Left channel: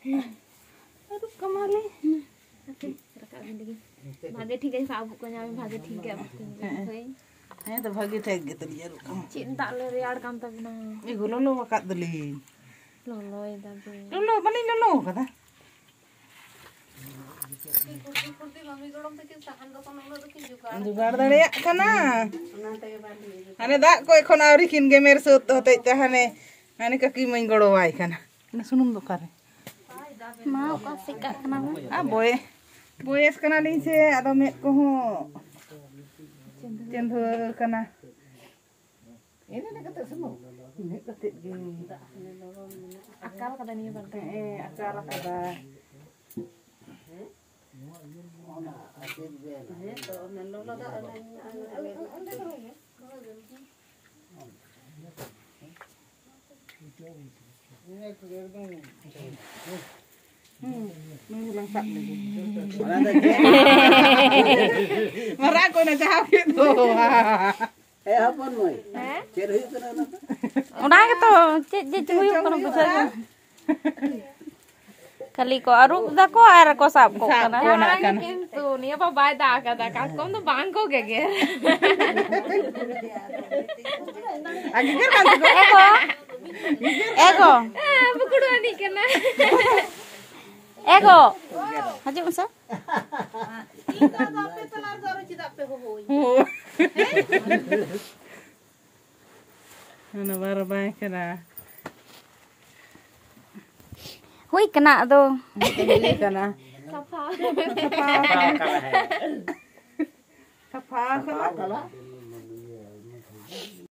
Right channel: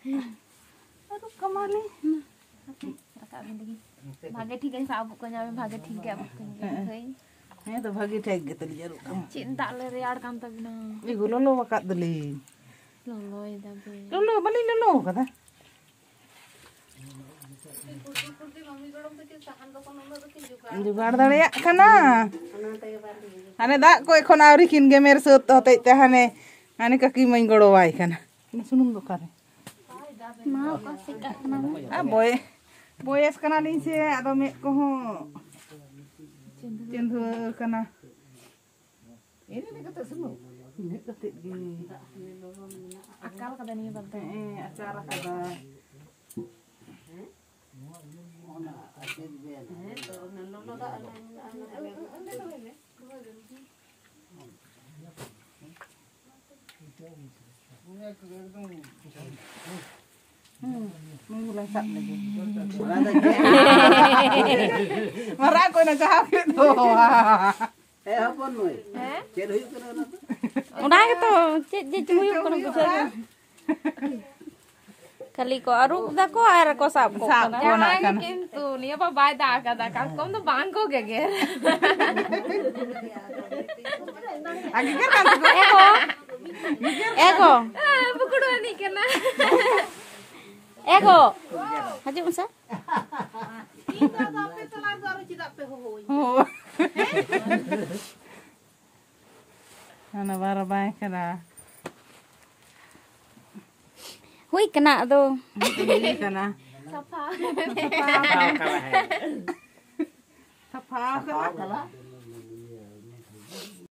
aduh kemali rakam lagi भागे ठीक है साब को जावे भागे ठीक है हैं तो भागे ठीक gitu dia cinta le rear kan ta bina ih lolo wakat deli lolo ida be lolo bali lolo kata जुगाड़ दाड़े कना हाने दा को एखन आवरी किन गेमेर सत हते ते हाने हाने काकी मई गड़ोवाई कना ना सुनुम दोकारे मा का सिका कना आ बोयस कना लिं से आदो मेट को हो चंदो कना ini ne kata sunu ini kata gi akal kada ni bante akal kada Langsat lagi. Marah ko na jahap itu. Apa noy? Cek huyuk kana na. Udah gitu, cek huyuk kana bisa. Kali ko aru da ko air ko sap ko kana. Kintu ni apa bai da kada ka kom to bang ko geger. Agiger kan to. Ego. Bukudu ni kana. Ego. Haji masa? Kita sampai telar garu tidak pe hoy. Ana bara bai kana. Hui kena tu. Hui kena. Sapa. Sapa. Sapa.